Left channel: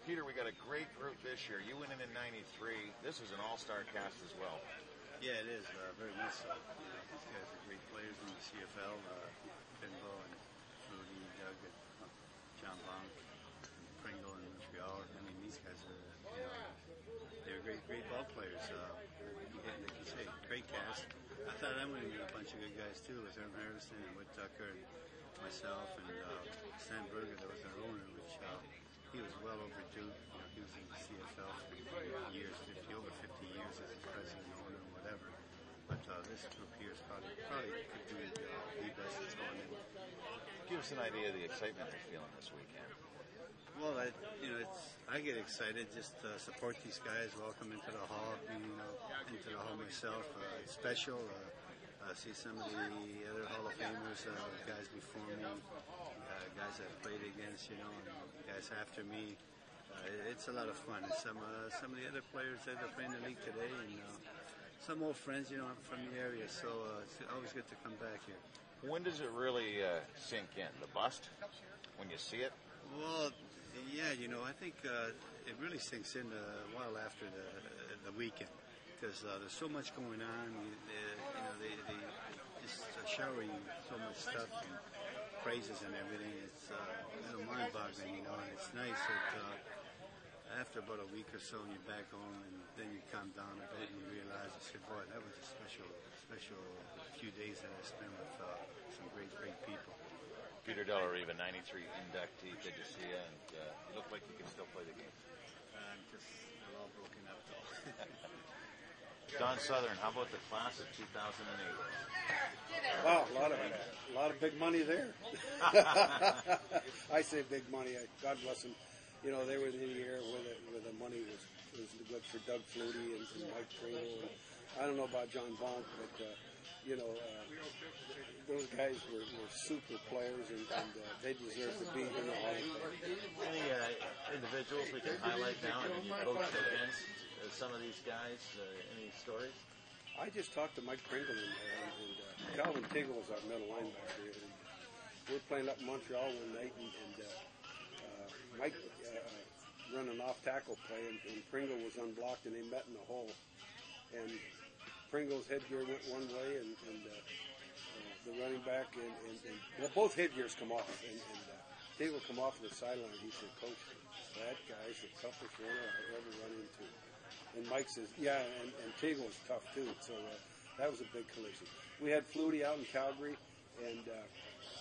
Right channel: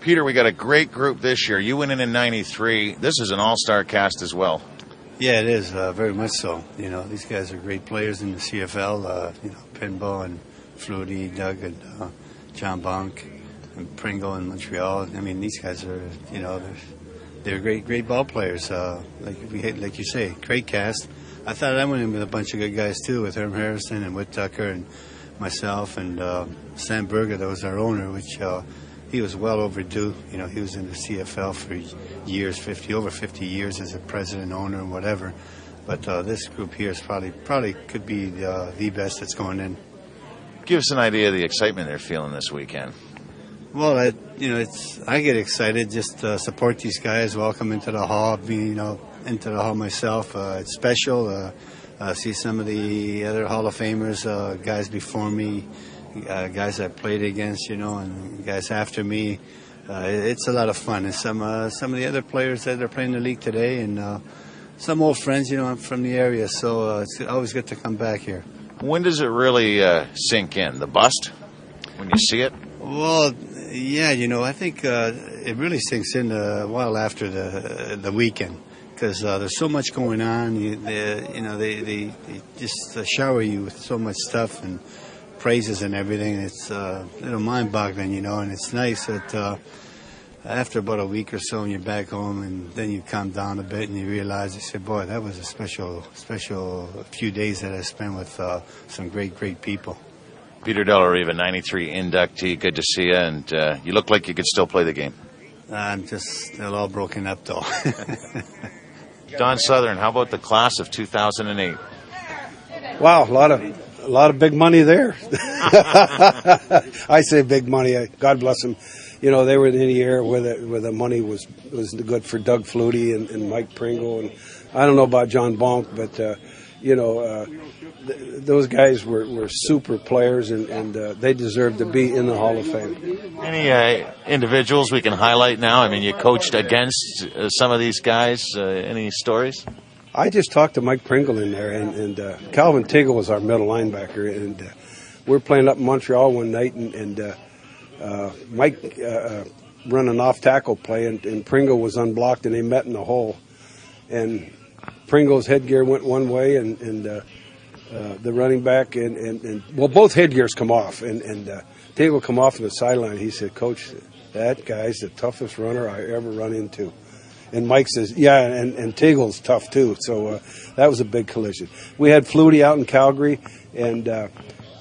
Peter, we got a great group this year. You went in '93. This is an all-star cast as well. Yeah, it is, very much so. These guys are great players in the CFL. Pinball and Flutie, Doug and John Bonk and Pringle in Montreal. I mean, these guys are, they're great ball players. Like you say, great cast. I thought I went in with a bunch of good guys too, with Herm Harrison and Whit Tucker and myself and Sam Berger, that was our owner, which he was well overdue. He was in the CFL for years, over 50 years as a president, owner, and whatever. But this group here is probably could be the best that's going in. Give us an idea of the excitement they're feeling this weekend. Well, I get excited just to support these guys, welcome into the hall, into the hall myself. It's special. See some of the other Hall of Famers, guys before me, guys I played against, and guys after me. It's a lot of fun. And some of the other players that are playing the league today, and some old friends, I'm from the area, so it's always good to come back here. When does it really sink in? The bust? When you see it? Well, yeah, I think it really sinks in a while after the weekend, because there's so much going on. They just shower you with so much stuff and praises and everything. It's a little mind-boggling, and it's nice that after about a week or so, and you're back home, and then you calm down a bit, and you realize, you say, boy, that was a special few days that I spent with some great people. Peter Delariva, '93 inductee. Good to see you, and you look like you could still play the game. They're all broken up, though. Don Southern, how about the class of 2008? Wow, a lot of big money there. I say big money. God bless them. They were in the era where the money was good for Doug Flutie and Mike Pringle, and I don't know about John Bonk, but those guys were super players, and they deserve to be in the Hall of Fame. Any individuals we can highlight now? I mean, you coached against some of these guys. Any stories? I just talked to Mike Pringle in there, and Calvin Tiggle was our middle linebacker, and we were playing up in Montreal one night, and Mike run an off-tackle play, and Pringle was unblocked, and they met in the hole. And Pringle's headgear went one way, and the running back, and both headgears come off, and Tiggle come off on the sideline. He said, "Coach, that guy's the toughest runner I ever run into." And Mike says, yeah, and Tiggle's tough too. So that was a big collision. We had Flutie out in Calgary, and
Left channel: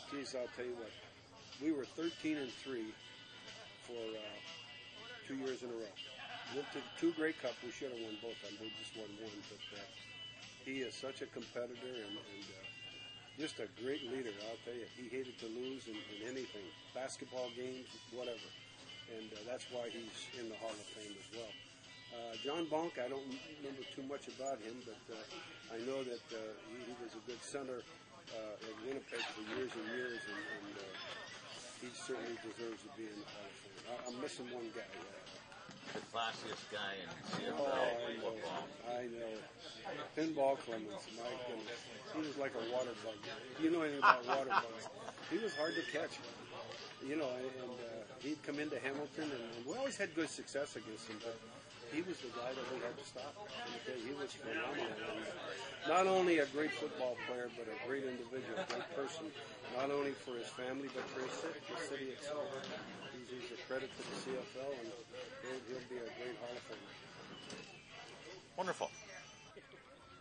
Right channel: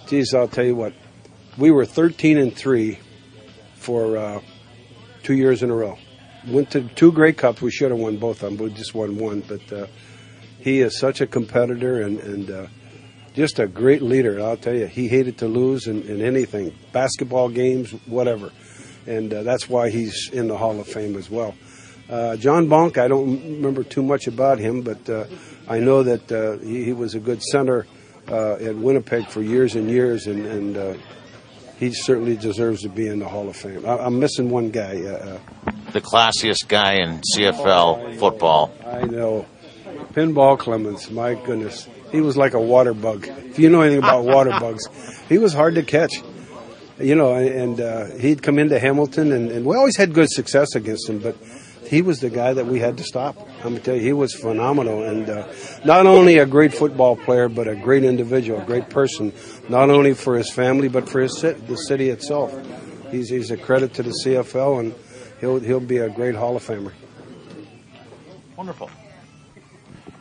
geez, I'll tell you what, we were 13-3 for 2 years in a row. Went to 2 Grey Cups. We should have won both of them, but we just won one. But he is such a competitor and just a great leader. I'll tell you, he hated to lose in anything, basketball games, whatever. And that's why he's in the Hall of Fame as well. John Bonk, I don't remember too much about him, but I know that he was a good center at Winnipeg for years and years, and he certainly deserves to be in the Hall of Fame. I'm missing one guy. The classiest guy in CFL football. I know. Pinball Clemens, my goodness. He was like a water bug. If you know anything about water bugs, he was hard to catch. And he'd come into Hamilton, and we always had good success against him, but he was the guy that we had to stop. I'm going to tell you, he was phenomenal. And not only a great football player, but a great individual, a great person, not only for his family, but for the city itself. He's a credit to the CFL, and he'll be a great Hall of Famer. Wonderful.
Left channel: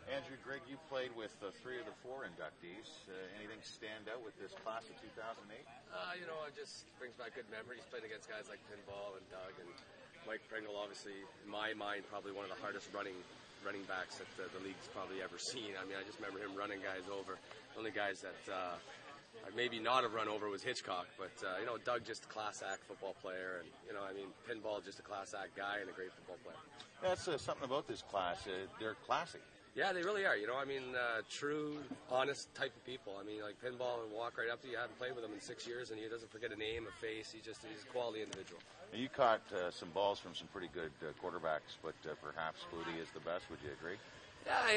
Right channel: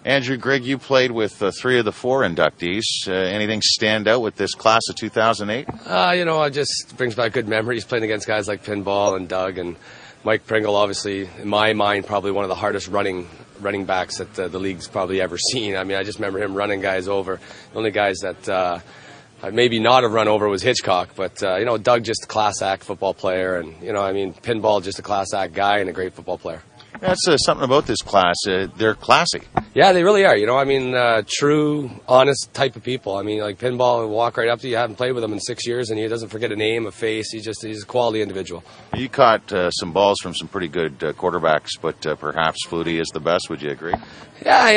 Andrew, Greg, you played with 3 of the 4 inductees. Anything stand out with this class of 2008? It just brings back good memories playing against guys like Pinball and Doug and Mike Pringle. Obviously, in my mind, probably one of the hardest running backs that the league's probably ever seen. I mean, I just remember him running guys over. The only guys that maybe not have run over was Hitchcock, but Doug, just a class act football player, and Pinball, just a class act guy and a great football player. That's something about this class. They're classy. Yeah, they really are. True, honest type of people. Like Pinball will walk right up to you. You haven't played with him in 6 years, and he doesn't forget a name, a face. He's a quality individual. You caught some balls from some pretty good quarterbacks, but perhaps Flutie is the best. Would you agree? Yeah,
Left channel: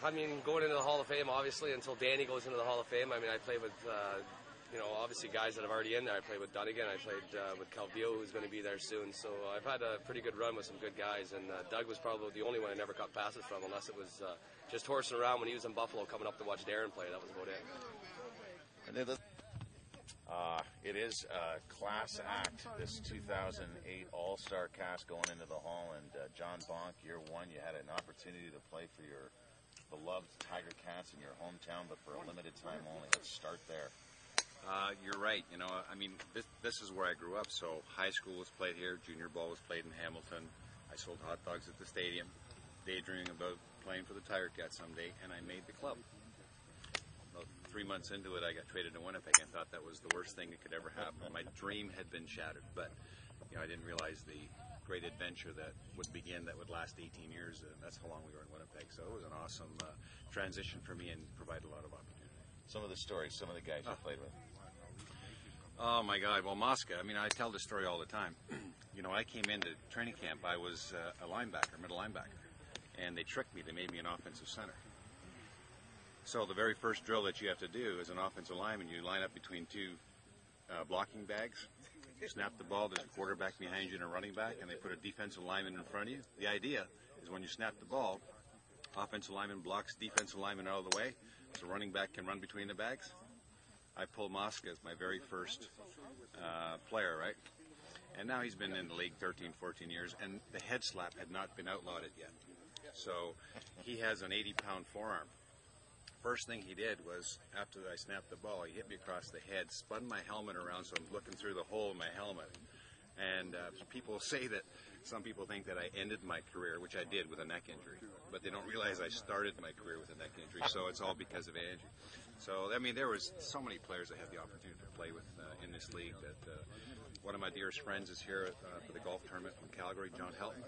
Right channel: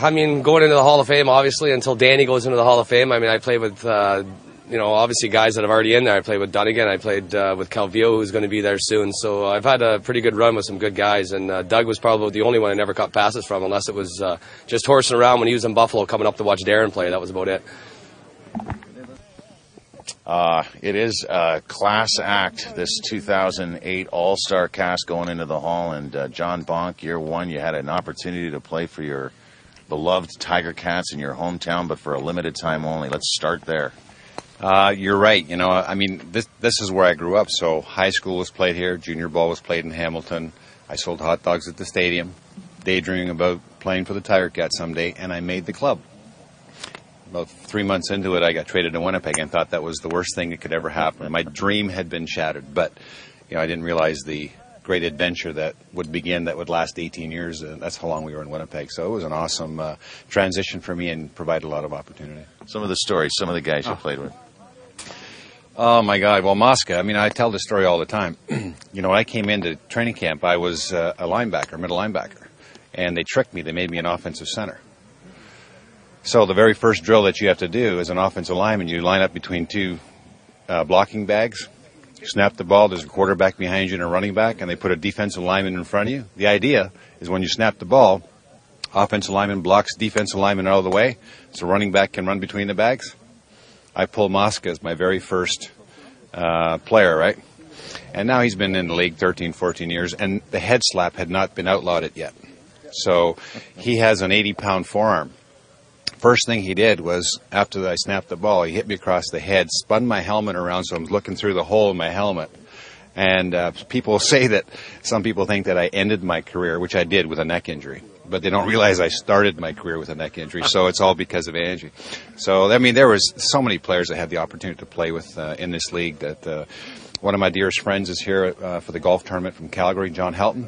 going into the Hall of Fame, obviously, until Danny goes into the Hall of Fame. I played with obviously guys that have already in there. I played with Dunnigan. I played with Calvillo, who's going to be there soon. So I've had a pretty good run with some good guys. And Doug was probably the only one I never caught passes from, unless it was just horsing around when he was in Buffalo coming up to watch Darren play. That was about it. It is a class act, this 2008 All-Star cast going into the Hall. And John Bonk, year one, you had an opportunity to play for your beloved Tiger Cats in your hometown, but for a limited time only. Let's start there. You're right. I mean, this is where I grew up. So high school was played here. Junior ball was played in Hamilton. I sold hot dogs at the stadium, daydreaming about playing for the Tiger Cats someday, and I made the club. About 3 months into it, I got traded to Winnipeg and thought that was the worst thing that could ever happen. My dream had been shattered, but I didn't realize the great adventure that would begin that would last 18 years. That's how long we were in Winnipeg. So it was an awesome transition for me and provided a lot of opportunity. Some of the stories, some of the guys you played with. Oh, my God. Well, Mosca, I mean, I tell this story all the time. When I came into training camp, I was a linebacker, middle linebacker, and they tricked me. They made me an offensive center. So the very first drill that you have to do as an offensive lineman, you line up between two blocking bags, snap the ball, there's a quarterback behind you and a running back, and they put a defensive lineman in front of you. The idea is when you snap the ball, offensive lineman blocks defensive lineman out of the way, so running back can run between the bags. I pulled Mosca as my very first player, right? And now he's been in the league 13, 14 years, and the head slap had not been outlawed yet. So he has an 80-pound forearm. First thing he did was, after I snapped the ball, he hit me across the head, spun my helmet around so I'm looking through the hole in my helmet. And people say that, some people think that I ended my career, which I did with a neck injury. But they don't realize I started my career with a neck injury, so it's all because of Angie. So, I mean, there was so many players I had the opportunity to play with in this league. That one of my dearest friends is here for the golf tournament from Calgary, John Helton.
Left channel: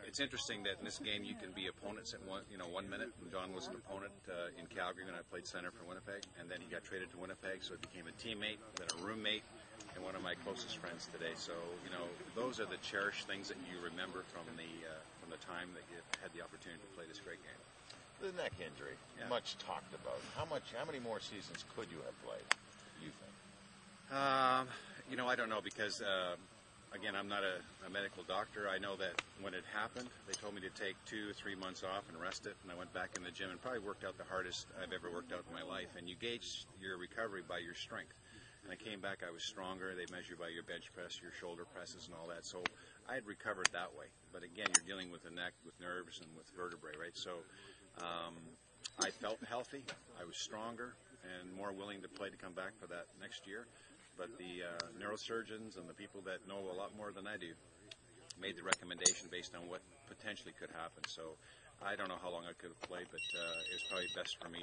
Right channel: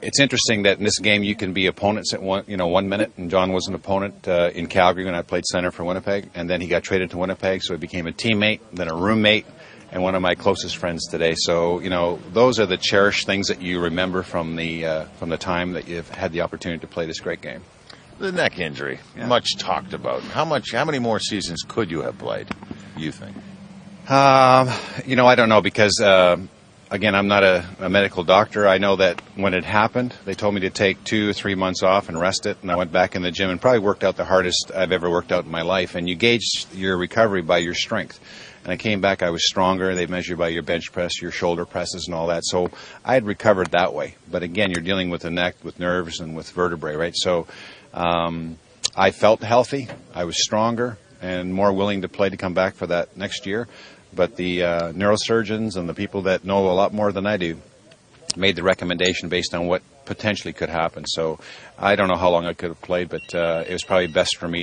It's interesting that in this game you can be opponents at 1 minute, and John was an opponent in Calgary when I played center for Winnipeg, and then he got traded to Winnipeg, so he became a teammate, then a roommate, and one of my closest friends today. So, those are the cherished things that you remember from the time that you've had the opportunity to play this great game. The neck injury, much talked about. How many more seasons could you have played, you think? I don't know, because again, I'm not a medical doctor. I know that when it happened, they told me to take 2 or 3 months off and rest it, and I went back in the gym and probably worked out the hardest I've ever worked out in my life. And you gauge your recovery by your strength. And I came back, I was stronger. They measure by your bench press, your shoulder presses, and all that. So I had recovered that way. But again, you're dealing with the neck, with nerves, and with vertebrae, right? So I felt healthy. I was stronger and more willing to play to come back for that next year. But the neurosurgeons and the people that know a lot more than I do made the recommendation based on what potentially could happen. So I don't know how long I could have played, but it was probably best for me.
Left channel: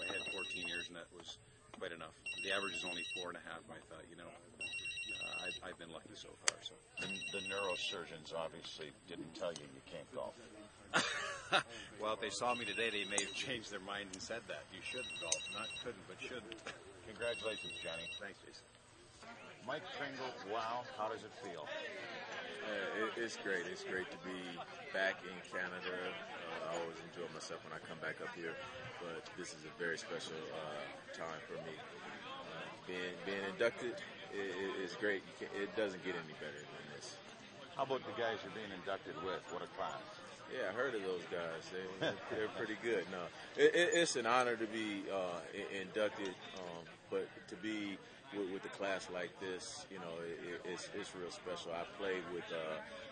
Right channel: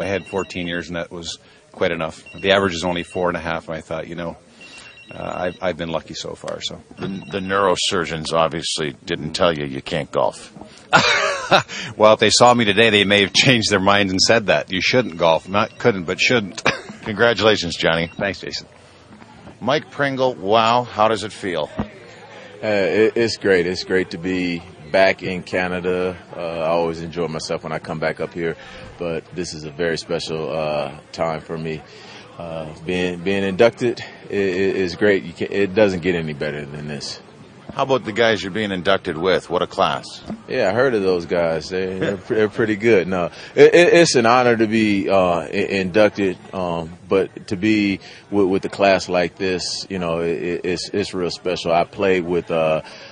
I had 14 years, and that was quite enough. The average is only 4.5, and I thought, I've been lucky so far. So the neurosurgeons obviously didn't tell you can't golf. Well, if they saw me today, they may have changed their mind and said that. You shouldn't golf. Not couldn't, but shouldn't. Congratulations, Johnny. Thanks, Jason. Mike Pringle, wow, how does it feel? It's great. It's great to be back in Canada. I always enjoy myself when I come back up here, but this is a very special time for me. Being inducted is great. It doesn't get any better than this. How about the guys you're being inducted with? What a class. Yeah, I heard of those guys. They're pretty good. No, it's an honor to be inducted, but to be with a class like this, it's real special. I played with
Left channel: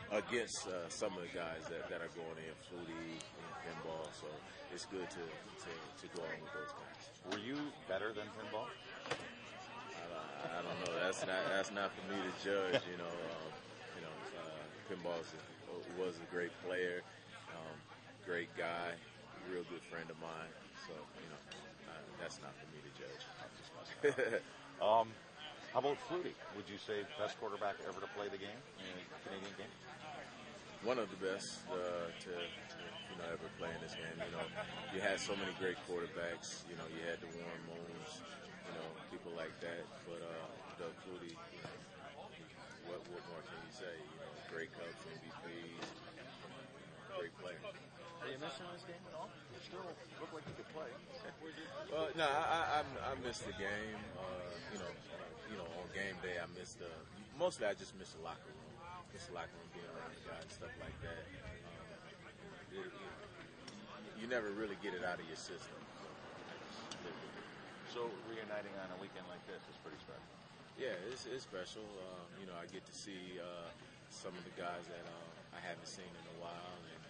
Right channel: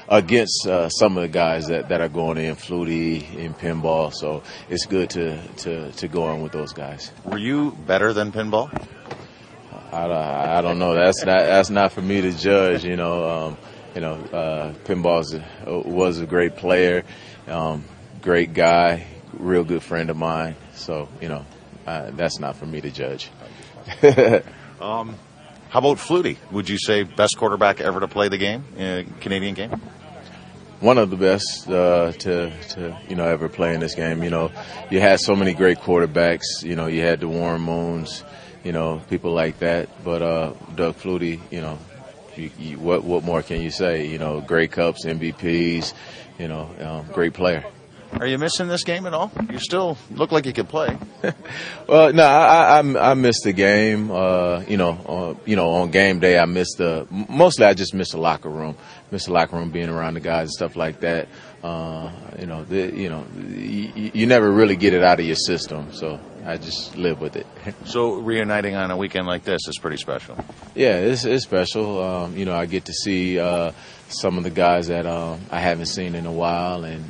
against some of the guys that are going in Flutie, in pinball, so it's good to go on with those guys. Were you better than pinball? I don't know. That's not for me to judge. Pinball was a great player, great guy, real good friend of mine. So, that's not for me to judge. How about Flutie? Would you say best quarterback ever to play the game, Canadian game? One of the best to ever play in this game. You had so many great quarterbacks. You had the Warren Moons, people like that. But Doug Flutie, what more can you say? Grey Cups, MVPs, great player. Are you missing this game at all? You still look like you could play. Well, no, I missed the game. On game day, mostly I just miss the locker room. Miss the locker room, being around the guys and stuff like that. You never really get it out of your system, so I just live with it. So reuniting on a weekend like this is pretty special. Yeah, it's special. I get to see some of the guys that I haven't seen in a while, and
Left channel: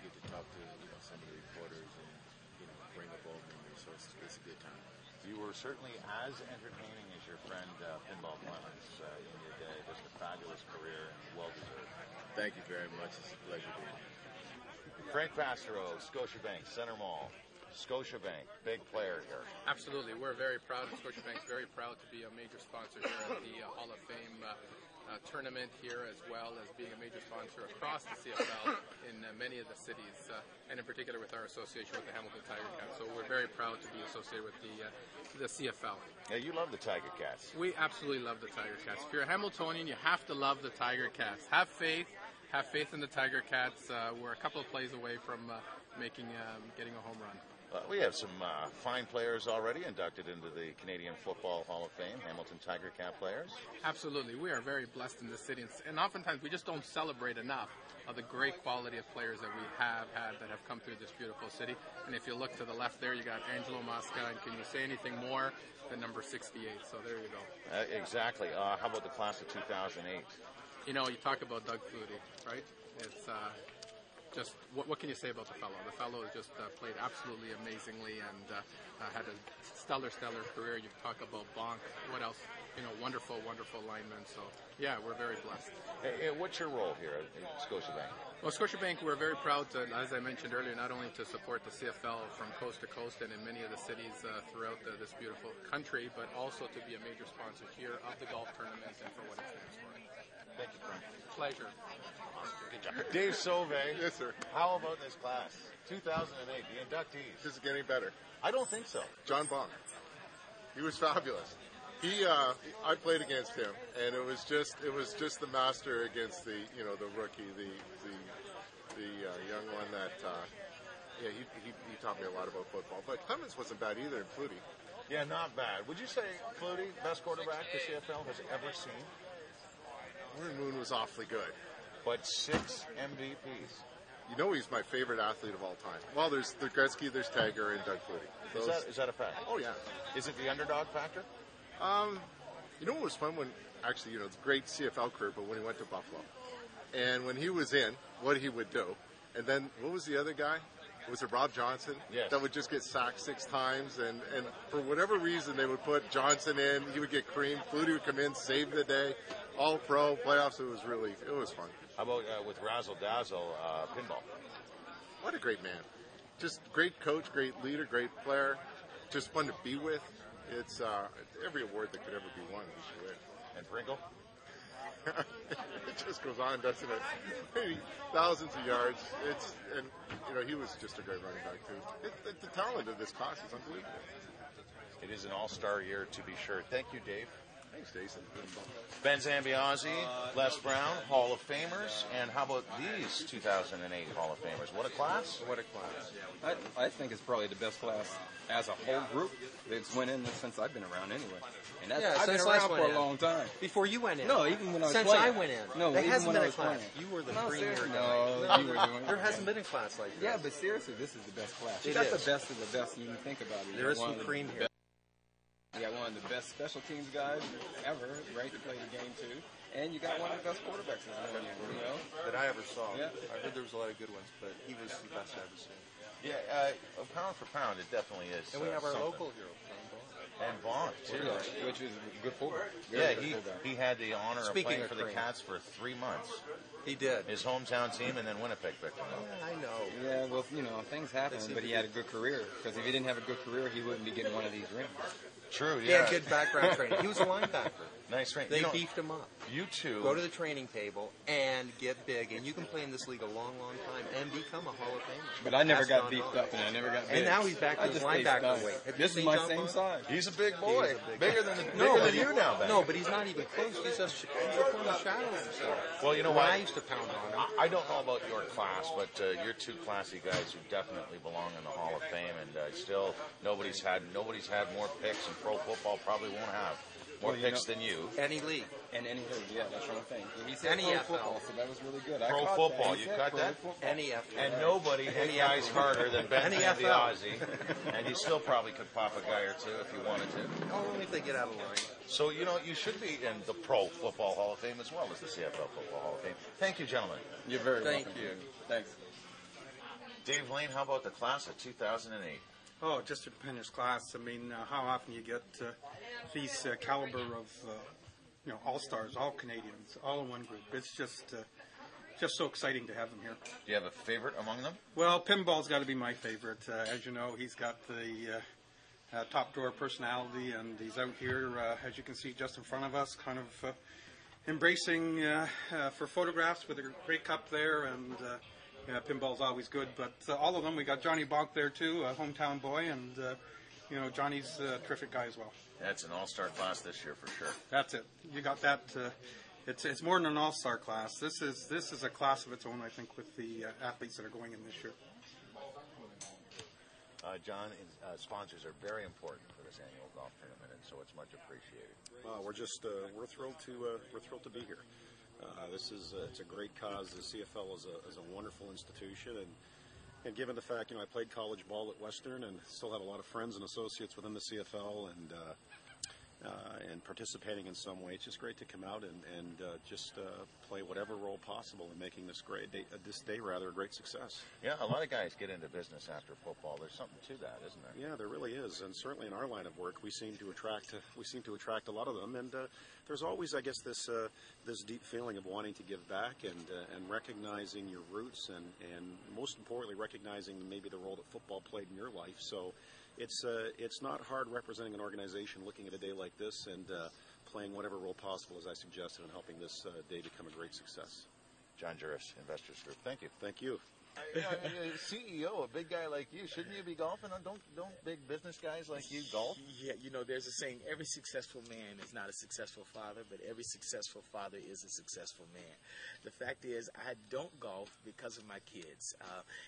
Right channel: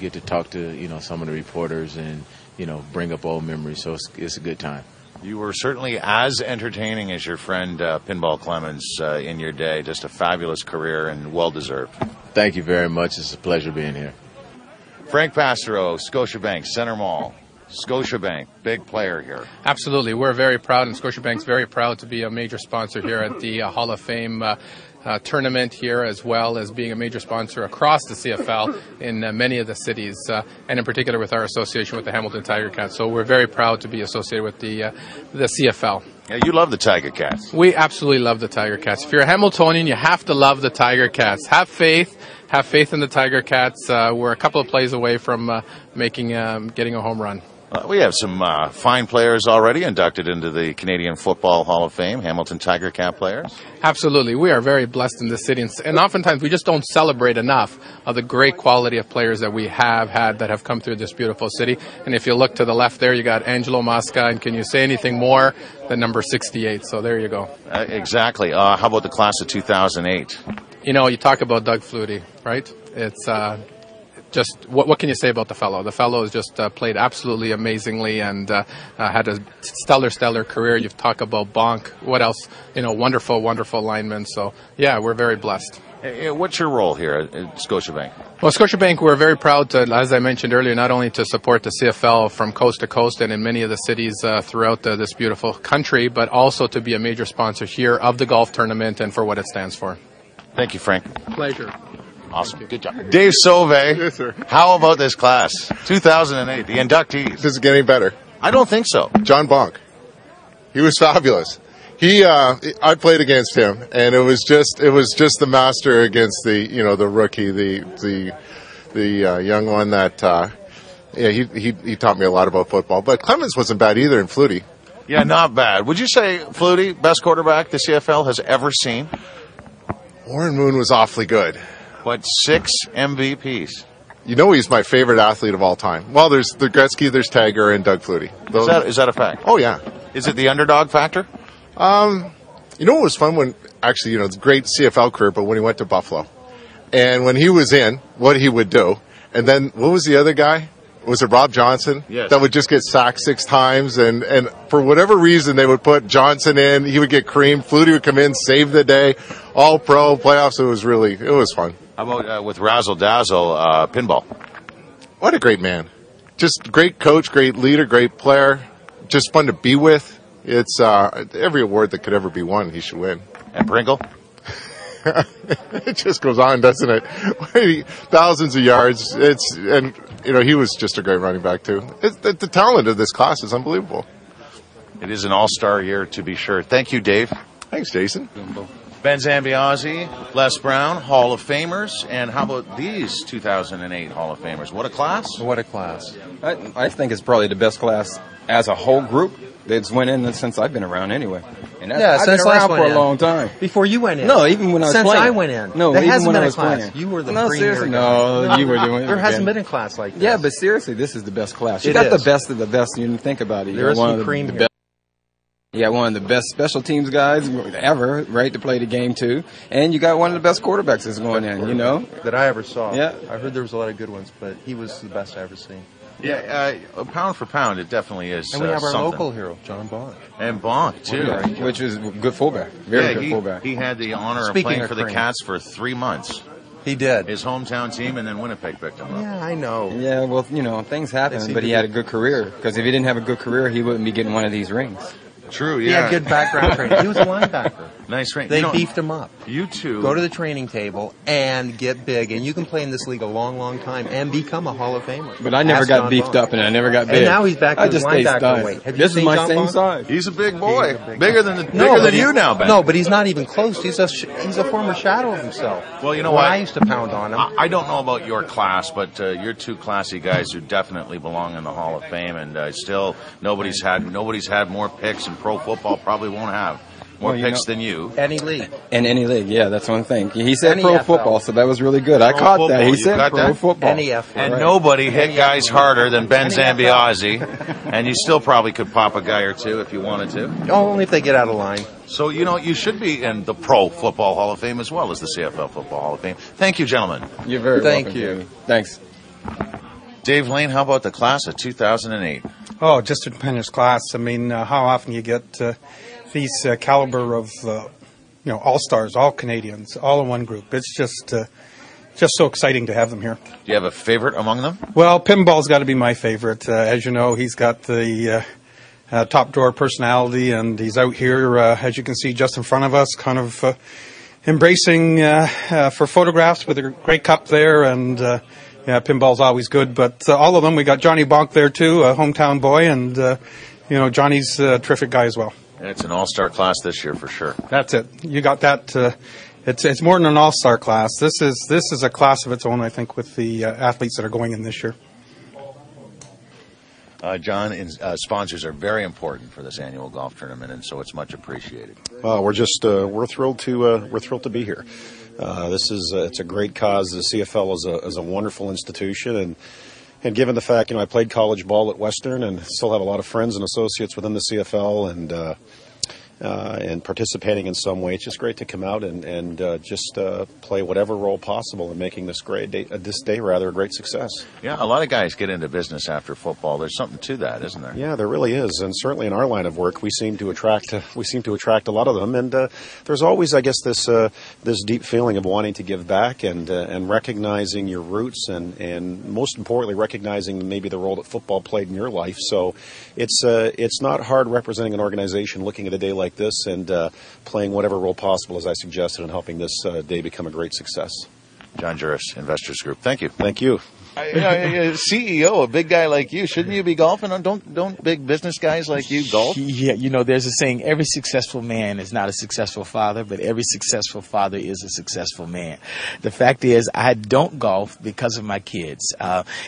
get to talk to some of the reporters, and bring up old memories. So it's a good time. You were certainly as entertaining as your friend Pinball Clemens in your day. Just a fabulous career and well deserved. Thank you very much. It's a pleasure being here. Frank Pastero, Scotiabank Center Mall. Scotiabank, big player here. Absolutely. We're very proud, and Scotiabank's very proud to be a major sponsor here at the Hall of Fame tournament here, as well as being a major sponsor across the CFL in many of the cities, and in particular with our association with the Hamilton Tiger Cats. So we're very proud to be associated with the CFL. Yeah, you love the Tiger Cats. We absolutely love the Tiger Cats. If you're a Hamiltonian, you have to love the Tiger Cats. Have faith in the Tiger Cats. We're a couple of plays away from getting a home run. We have some fine players already inducted into the Canadian Football Hall of Fame, Hamilton Tiger Cat players. Absolutely. We are very blessed in this city, and oftentimes we just don't celebrate enough of the great quality of players that we have had that have come through this beautiful city. And if you look to the left there, you got Angelo Mosca, and can you say anything more than number 68? So there you go. Exactly. How about the class of 2008? You talk about Doug Flutie, right? It's just what can you say about the fellow? The fellow has just played absolutely amazingly and had a stellar career. You've talked about Bonk. What else? Wonderful lineman. So yeah, we're very blessed. What's your role here at Scotiabank? Well, Scotiabank, we're very proud to, as I mentioned earlier, not only to support the CFL from coast to coast and in many of the cities throughout this beautiful country, but also to be a major sponsor here of the golf tournament and for what it stands for. Thank you, Frank. Pleasure. Awesome. Good job. Dave Sauve. Yes, sir. How about this class? 2008, the inductees. Does it get any better? I don't think so. John Bonk. He was fabulous. I played against him, and it was just the master against the rookie, the young one that, he taught me a lot about football. But Clemens wasn't bad either, and Flutie. Yeah, not bad. Would you say Flutie, best quarterback the CFL has ever seen? Warren Moon was awfully good. But 6 MVPs. He's my favorite athlete of all time. Well, there's the Gretzky, there's Tiger, and Doug Flutie. Is that a fact? Oh, yeah. Is it the underdog factor? What was fun when, actually, it's a great CFL career, but when he went to Buffalo. And when he was in, what he would do. And then, what was the other guy? Was it Rob Johnson? Yes. That would just get sacked 6 times. And for whatever reason, they would put Johnson in. He would get creamed. Flutie would come in, save the day. All pro playoffs. It was fun. How about with Razzle Dazzle, Pinball? What a great man. Just great coach, great leader, great player. Just fun to be with. It's every award that could ever be won, he should win. And Pringle? It just goes on, doesn't it? Thousands of yards. He was just a great running back, too. The talent of this class is unbelievable. It is an all-star year, to be sure. Thank you, Dave. Thanks, Jason. Ben Zambiazzi, Les Brown, Hall of Famers. And how about these 2008 Hall of Famers? What a class. What a class. I think it's probably the best class as a whole group that's went in since I've been around anyway. And I've been around for a long time. Before you went in? No, even when I was playing. Since I went in? No, there even hasn't when been I was a class. playing. You were the No, seriously, no, you were doing it. There hasn't been a class like this. Yeah, but seriously, this is the best class. You It got is. the best of the best. You didn't think about it. There is some cream here. You got one of the best special teams guys ever, right, to play the game too. And you got one of the best quarterbacks that's going in, that I ever saw. Yeah. I heard there was a lot of good ones, but he was the best I ever seen. Yeah, pound for pound, it definitely is. And we have our something. local hero, John Bonk. And Bonk, too. Which is good fullback. Very good fullback. He had the honor Speaking of playing of for the cream. Cats for 3 months. He did. His hometown team, and then Winnipeg picked him up. Yeah, I know. Yeah, well, things happen, but he had a good career. Because if he didn't have a good career, he wouldn't be getting one of these rings. True, He yeah. had good background training. He was a linebacker. Nice range. They beefed him up. You two. Go to the training table and get big, and you can play in this league a long, long time and become a Hall of Famer. But I never Ask got John beefed Bonk. up, and I never got big. And now he's back to I his just stayed linebacker stunned. weight. Have you This is seen my John same Bonk? size. He's a big boy. Bigger than but you he- now, Ben. No, but he's not even close. He's a former shadow of himself. Well, you know When what? I used to pound on him. I don't know about your class, but you're two classy guys who definitely belong in the Hall of Fame, and still nobody's had more picks in pro football. Probably won't have more picks than you. Any league. In any league, yeah, that's one thing. He said Any pro FL. football, so that was really good. I Pro caught football, that. He you said got pro that? football. Any FL. And Right. nobody hit Any guys FL. harder than Ben Any Zambiazzi, and you still probably could pop a guy or two if you wanted to. Only if they get out of line. So, you should be in the Pro Football Hall of Fame as well as the CFL Football Hall of Fame. Thank you, gentlemen. You're very Thank welcome, you. Jamie. Thanks. Dave Lane, how about the class of 2008? Oh, just a tremendous class. I mean, how often you get these caliber of, all-stars, all Canadians, all in one group. It's just so exciting to have them here. Do you have a favorite among them? Well, Pinball's got to be my favorite. As you know, he's got the top drawer personality, and he's out here, as you can see, just in front of us, kind of embracing for photographs with a great cup there, and Pinball's always good. But all of them, we got Johnny Bonk there too, a hometown boy, and Johnny's a terrific guy as well. And it's an all-star class this year for sure. That's it. You got that. It's more than an all-star class. This is a class of its own, I think, with the athletes that are going in this year. John, sponsors are very important for this annual golf tournament, and so it's much appreciated. Well, we're thrilled to be here. It's a great cause. The CFL is a wonderful institution, and given the fact, I played college ball at Western and still have a lot of friends and associates within the CFL, and participating in some way, it's just great to come out and just play whatever role possible in making this day a great success. Yeah, a lot of guys get into business after football. There's something to that, isn't there? Yeah, there really is, and certainly in our line of work, we seem to attract a lot of them. And there's always, I guess, this deep feeling of wanting to give back and recognizing your roots, and most importantly, recognizing maybe the role that football played in your life. So it's not hard representing an organization looking at a day like this and playing whatever role possible, as I suggested, in helping this day become a great success. John Juris, Investors Group. Thank you. Thank you. CEO, a big guy like you, shouldn't you be golfing? Don't big business guys like you golf? Yeah, there's a saying, every successful man is not a successful father, but every successful father is a successful man. The fact is, I don't golf because of my kids.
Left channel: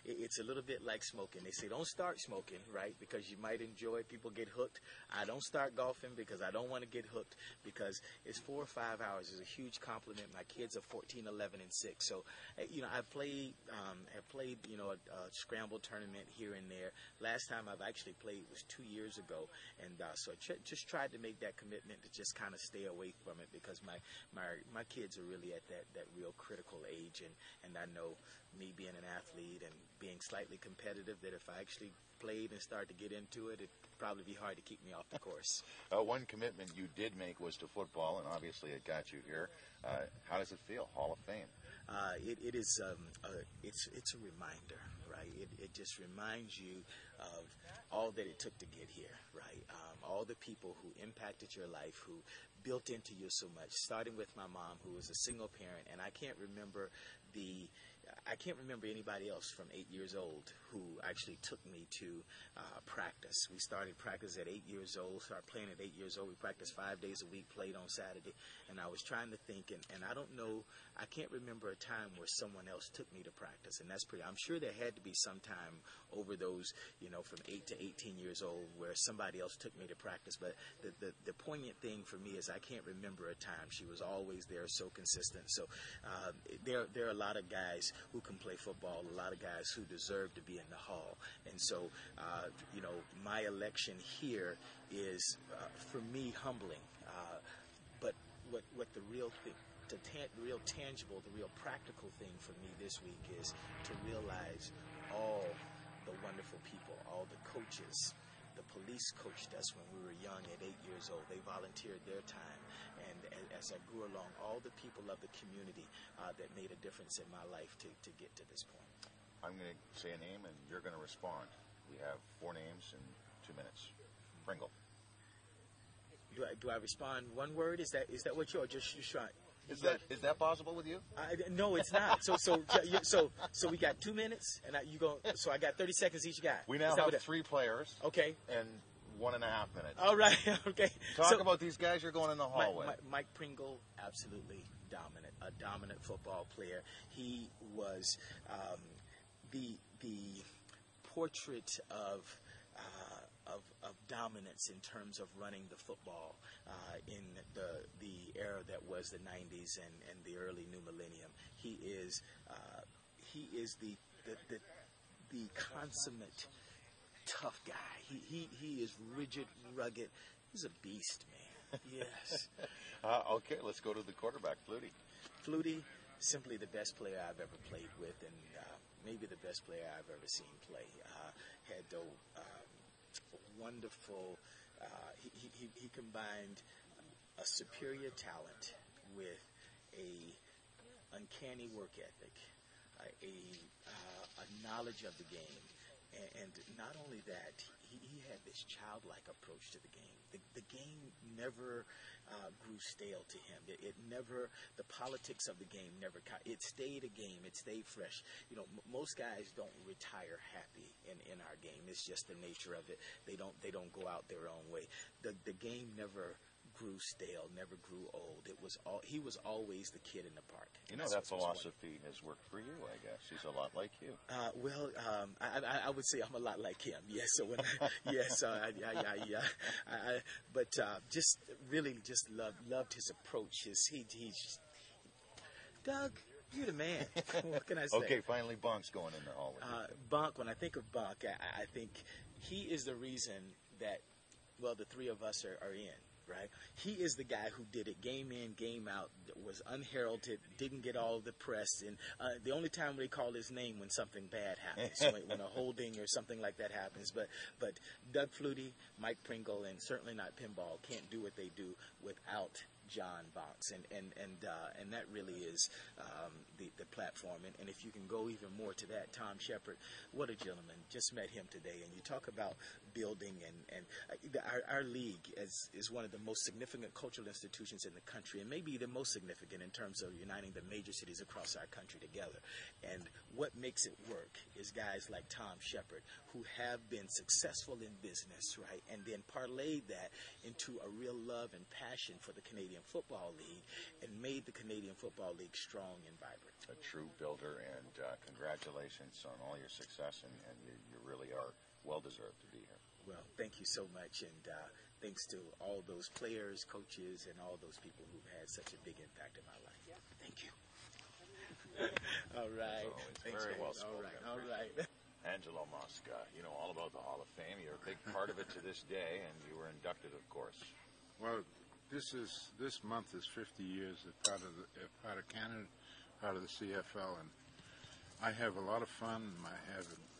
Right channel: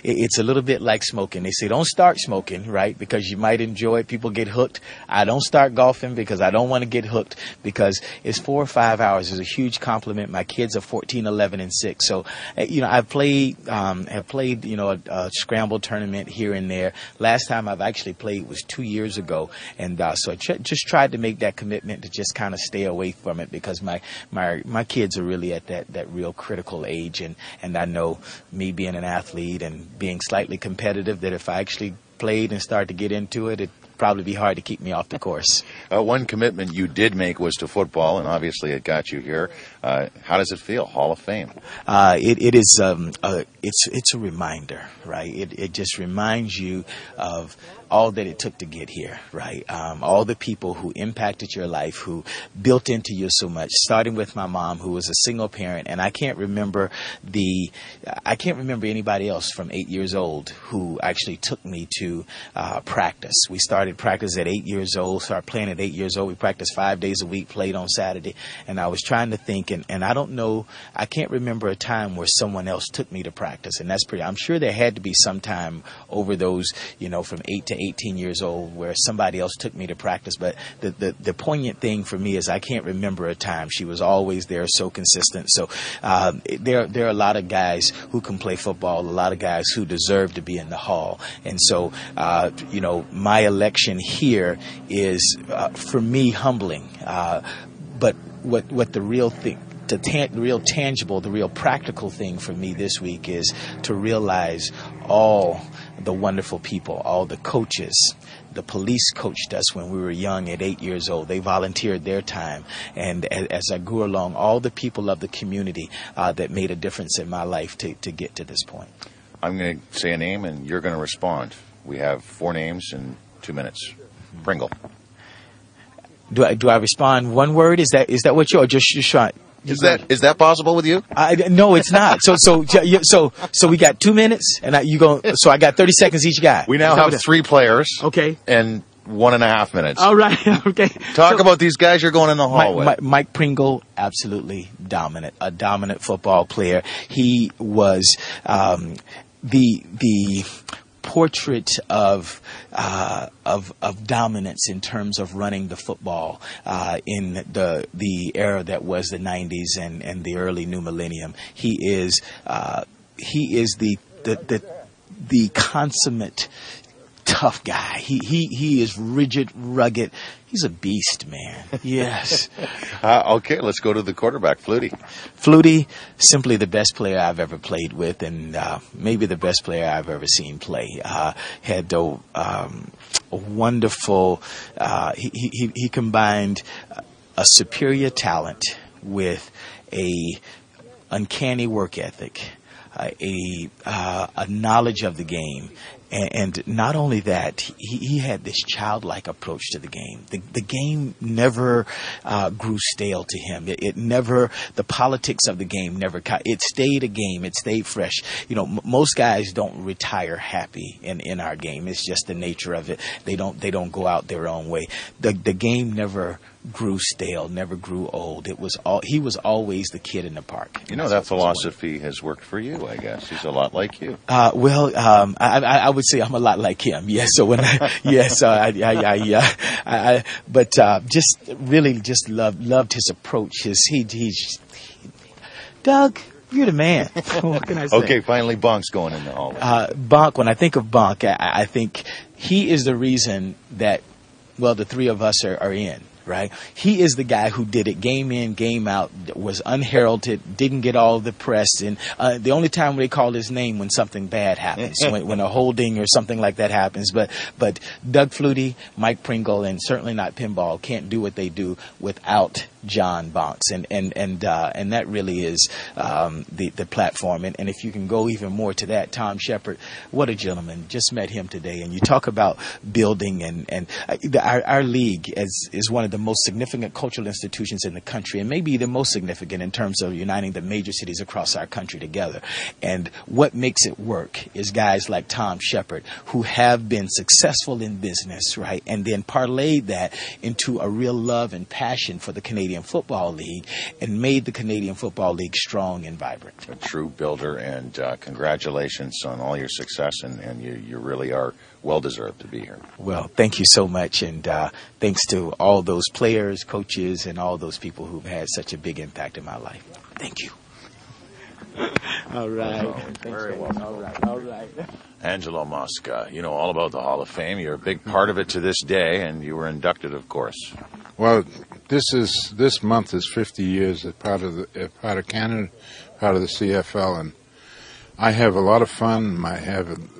It's a little bit like smoking. They say don't start smoking, right, because you might enjoy it. People get hooked. I don't start golfing because I don't want to get hooked, because it's 4 or 5 hours. It's a huge compliment. My kids are 14, 11, and 6. So, I've played a scramble tournament here and there. Last time I've actually played was 2 years ago, and so I just tried to make that commitment to just kind of stay away from it, because my kids are really at that real critical age, and I know, me being an athlete and being slightly competitive, that if I actually played and started to get into it, it'd probably be hard to keep me off the course. One commitment you did make was to football, and obviously it got you here. How does it feel? Hall of Fame. It is. It's a reminder, right? It just reminds you of all that it took to get here, right? All the people who impacted your life, who built into you so much, starting with my mom, who was a single parent, and I can't remember anybody else from 8 years old who actually took me to practice. We started practice at 8 years old, started playing at 8 years old. We practiced 5 days a week, played on Saturday, and I was trying to think, and I don't know, I can't remember a time where someone else took me to practice, and I'm sure there had to be some time over those, from 8 to 18 years old where somebody else took me to practice. But the poignant thing for me is I can't remember a time. She was always there, so consistent. So there are a lot of guys who can play football, a lot of guys who deserve to be in the Hall. And so, my election here is, for me, humbling. But what the real thing, the real tangible, the real practical thing for me this week is to realize all the wonderful people, all the coaches. The police coached us when we were young at 8 years old. They volunteered their time. And as I grew along, all the people of the community that made a difference in my life to get to this point. I'm going to say a name, and you're going to respond. We have 4 names in 2 minutes. Pringle. Do I respond one word? Is that what you're just trying? Is that possible with you? No, it's not. So we got 2 minutes, and So I got 30 seconds each guy. We now have 3 players. Okay. And 1.5 minutes. All right. Okay. Talk about these guys you're going in the hall with. Mike Pringle, absolutely dominant, a dominant football player. He was the portrait of dominance in terms of running the football in the era that was the 90s and the early new millennium. He is the consummate tough guy. He is rigid, rugged. He's a beast, man. Yes. Okay, let's go to the quarterback, Flutie. Flutie, simply the best player I've ever played with, and maybe the best player I've ever seen play. Had a wonderful. He combined a superior talent with a uncanny work ethic, a knowledge of the game. And not only that, he had this childlike approach to the game. The game never grew stale to him. It never, the politics of the game never, it stayed a game. It stayed fresh. Most guys don't retire happy in our game. It's just the nature of it. They don't go out their own way. The game never grew stale, never grew old. He was always the kid in the park. That philosophy has worked for you, I guess. He's a lot like you. I would say I'm a lot like him. Yes. So when but just really just loved his approach. Doug, you're the man. What can I say? Okay, finally, Bonk's going in the hall. Bonk. When I think of Bonk, I think he is the reason that the 3 of us are in. Right? He is the guy who did it game in, game out, was unheralded, didn't get all the press. And the only time they call his name when something bad happens, when a holding or something like that happens. But Doug Flutie, Mike Pringle, and certainly not Pinball can't do what they do without John Bonks. And that really is the platform. And if you can go even more to that, Tom Shepard, what a gentleman. Just met him today. And you talk about building and our league is one of the most significant cultural institutions in the country, and maybe the most significant in terms of uniting the major cities across our country together. And what makes it work is guys like Tom Shepard, who have been successful in business, right, and then parlayed that into a real love and passion for the Canadian Football League and made the Canadian Football League strong and vibrant. A true builder, and congratulations on all your success, and you really are well-deserved to be here. Well, thank you so much, and thanks to all those players, coaches, and all those people who've had such a big impact in my life. Thank you. All right. Very well. All right. Angelo Mosca, all about the Hall of Fame. You're a big part of it to this day, and you were inducted, of course. Well, this month is 50 years as part of Canada, part of the CFL, and I have a lot of fun.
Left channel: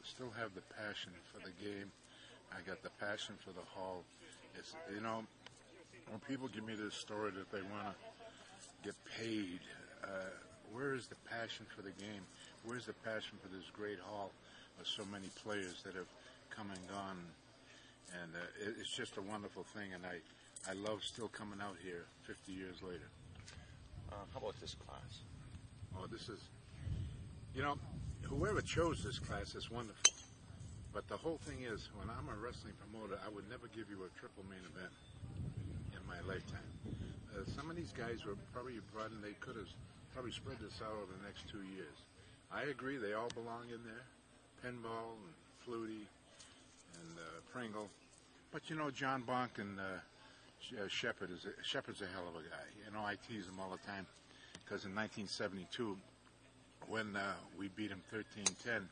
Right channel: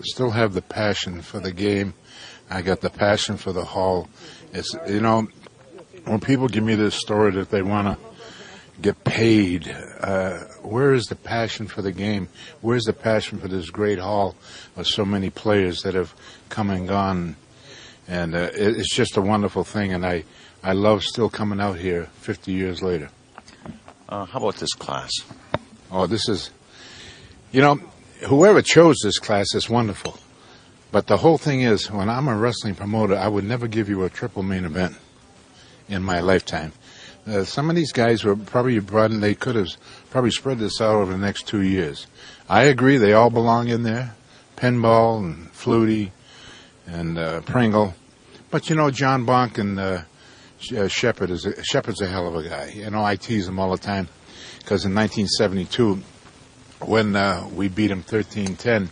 Still have the passion for the game. I got the passion for the Hall. It's when people give me this story that they want to get paid, where is the passion for the game? Where's the passion for this great Hall of so many players that have come and gone? And it's just a wonderful thing, and I love still coming out here 50 years later. How about this class? Oh, this is, whoever chose this class is wonderful. But the whole thing is, when I'm a wrestling promoter, I would never give you a triple main event in my lifetime. Some of these guys were probably brought in, they could have probably spread this out over the next 2 years. I agree, they all belong in there. Pinball and Flutie and Pringle. But, John Bonk and Shepard's a hell of a guy. I tease him all the time because in 1972, when we beat him 13-10,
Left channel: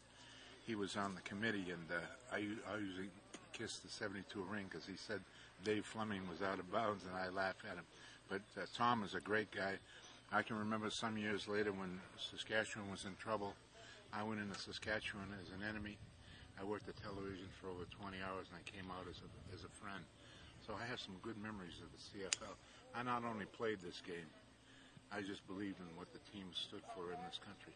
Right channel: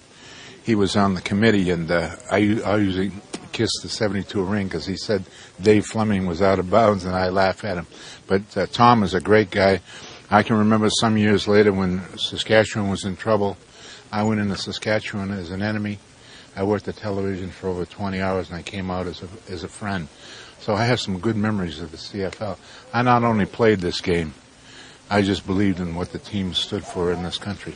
he was on the committee, and I usually kiss the 72 ring because he said Dave Fleming was out of bounds, and I laugh at him. But Tom is a great guy. I can remember some years later when Saskatchewan was in trouble. I went into Saskatchewan as an enemy. I worked at television for over 20 hours, and I came out as a friend. So I have some good memories of the CFL. I not only played this game, I just believed in what the team stood for in this country.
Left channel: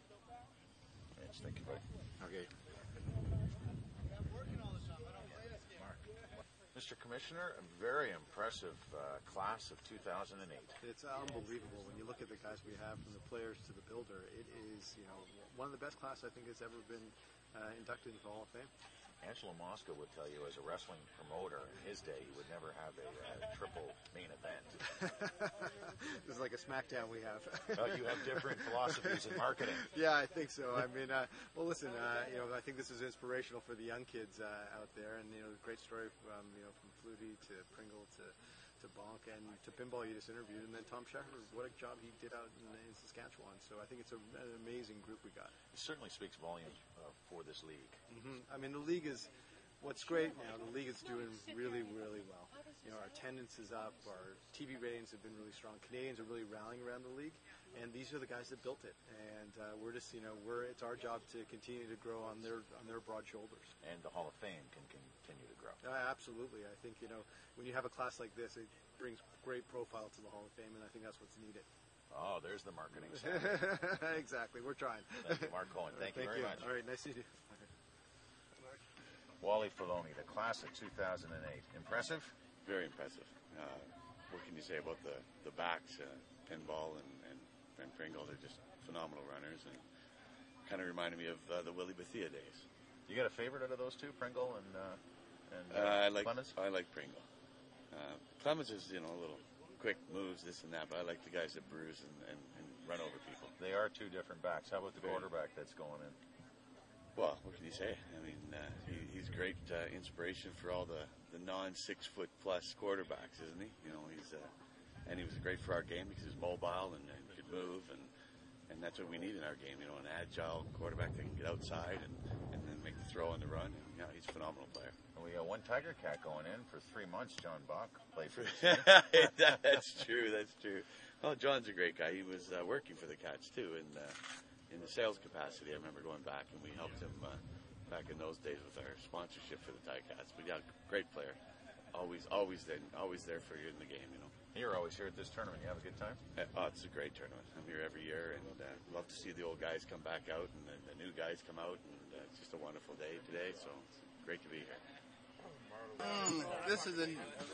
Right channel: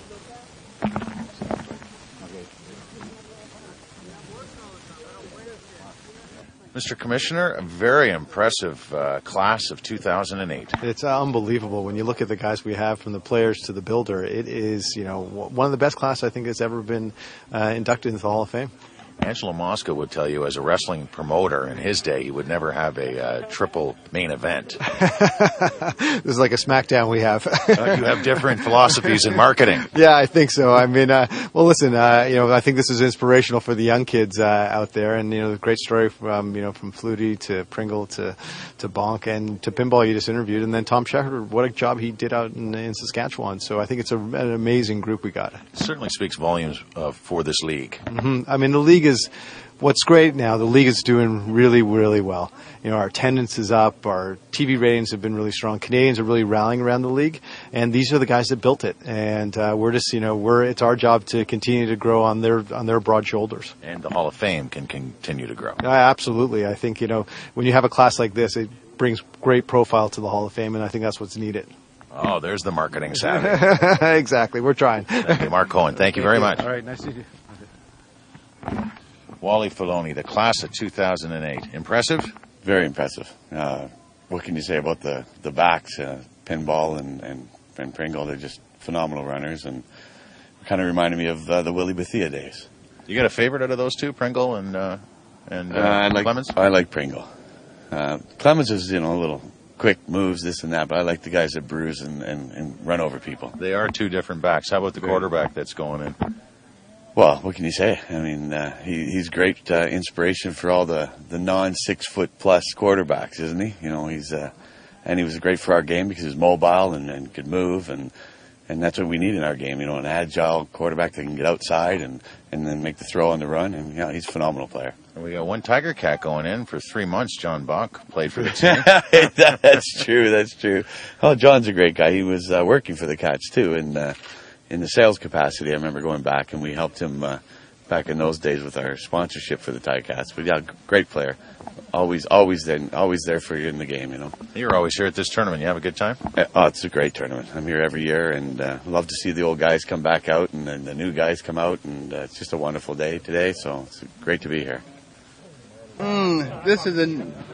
Mr. Commissioner, a very impressive class of 2008. It's unbelievable when you look at the guys we have, from the players to the builder. It is, one of the best class I think that's ever been inducted into the Hall of Fame. Angelo Mosca would tell you, as a wrestling promoter in his day, he would never have a triple main event. This is like a SmackDown we have. You have different philosophies in marketing. Yeah, I think so. I mean, well, listen, I think this is inspirational for the young kids out there, and the great story from from Flutie to Pringle to Bonk and to Pinball you just interviewed, and then Tom Shepard. What a job he did out in Saskatchewan. So I think it's an amazing group we got. It certainly speaks volumes for this league. Mm-hmm. I mean, the league is what's great now. The league is doing really, really well. Our attendance is up. Our TV ratings have been really strong. Canadians are really rallying around the league, and these are the guys that built it. And we're just, it's our job to continue to grow on their broad shoulders. And the Hall of Fame can continue to grow. Absolutely. I think when you have a class like this, it brings great profile to the Hall of Fame, and I think that's what's needed. Oh, there's the marketing savvy. Exactly. We're trying. Thank you, Mark Cohen. Thank you very much. All right. Nice to see you. Wally Filoni, the class of 2008. Impressive? Very impressive. What can you say about the backs? Pinball and Pringle, they're just phenomenal runners, and kind of reminded me of the Willie Bethia days. You got a favorite out of those two, Pringle and Clemens? I like Pringle. Clemens is, a little quick moves, this and that, but I like the guys that bruise and run over people. They are two different backs. How about the quarterback that's going in? Well, what can you say? I mean, he's great inspiration for all the non-6-foot-plus quarterbacks, isn't he? And he was great for our game because he was mobile and could move, and that's what we need in our game. An agile quarterback that can get outside and then make the throw on the run, and he's a phenomenal player. And we got one Tiger Cat going in for 3 months. John Bach played for the team. That's true. That's true. Oh, John's a great guy. He was working for the Cats too, and. In the sales capacity, I remember going back, and we helped him back in those days with our sponsorship for the Ticats. But yeah, great player, always there for you in the game. You're always here at this tournament. You have a good time? Oh, it's a great tournament. I'm here every year, and love to see the old guys come back out, and then the new guys come out, and it's just a wonderful day today. So it's great to be here. This is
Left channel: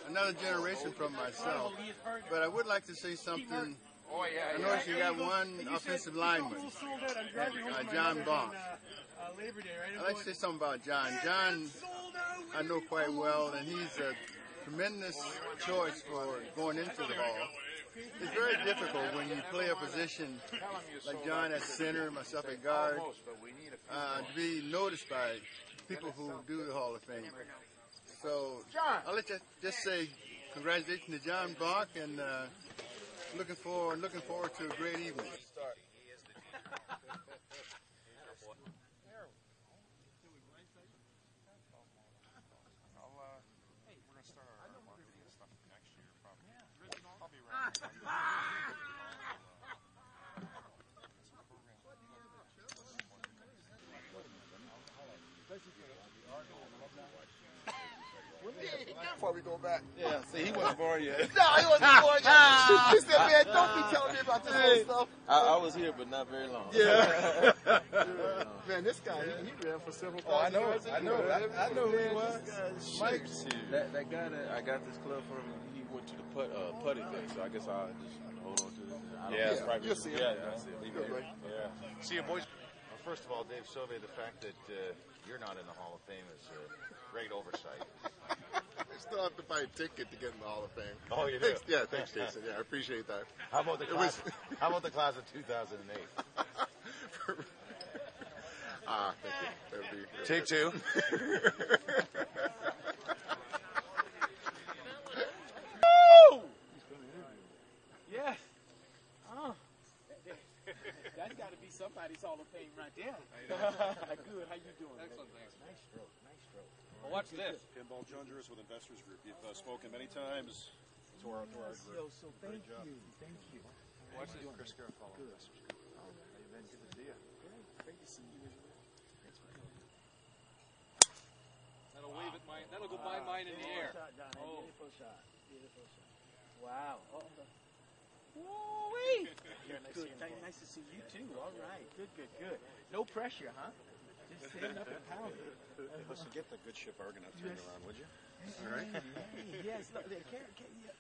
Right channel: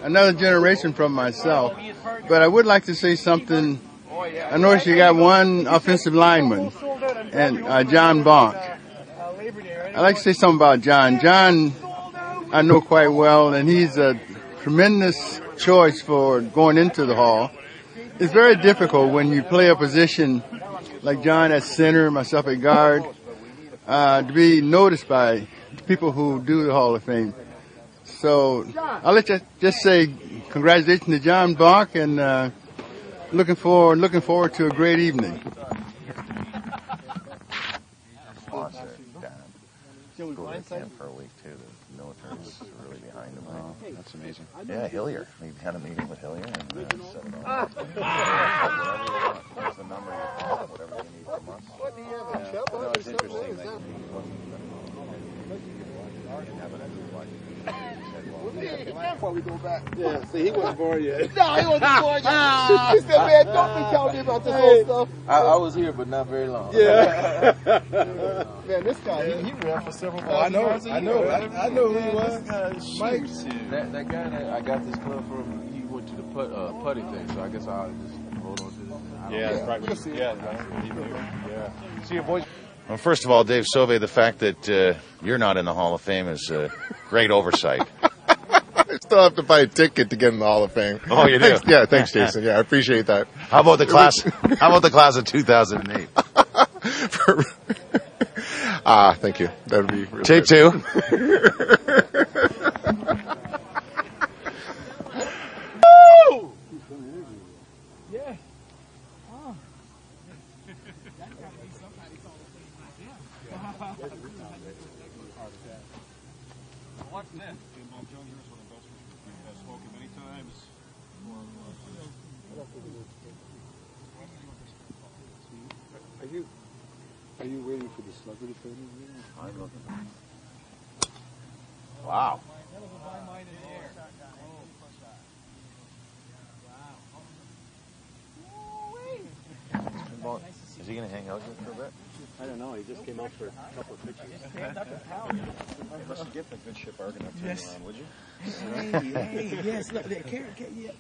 another generation from myself, but I would like to say something. I noticed you got one offensive lineman, and John Bonk. I'd like to say something about John. John, I know quite well, and he's a tremendous choice for going into the Hall. It's very difficult when you play a position like John at center, myself at guard, to be noticed by people who do the Hall of Fame. So I'll let you just say congratulations to John Bonk, and looking forward to a great evening. For a week too. The military was really behind him. Oh, that's amazing. Yeah, Hillier. We had a meeting with Hillier and set it all. Whatever you want. What's the number you call? Whatever you need from us. What do you have? No, it's interesting that he wasn't. Before we go back. Yeah, see, he wasn't born yet. No, he wasn't born yet. He said, man, don't be telling me about this whole stuff. I was here, but not very long. Yeah. Man, this guy, he ran for several thousand yards. I know who he was. Mike. That guy that I got this club from, he went to the putty thing, so I guess I'll just hold on to this. Yeah, that's right. You'll see. Yeah. See you, boys. Well, first of all, Dave Sauvé, the fact that you're not in the Hall of Fame is a great oversight. I still have to buy a ticket to get in the Hall of Fame. Oh, you do? Yeah, thanks, Jason. Yeah, I appreciate that. How about the class? How about the class of 2008? Thank you. That would be really Take good. 2. Yes. That's got to be somebody's Hall of Fame right there. Well, watch this. Pinball Challengers with Investors Group. We've spoken many times for our process. Are you waiting for the celebrity photo? Wow. None of them buy mine in the air. Oh. Wow. Is he going to hang out here for a bit? I don't know. He just came back for a couple of pictures. You must get the good ship Argonaut turned around, would you? Hey, yes. Look, yeah.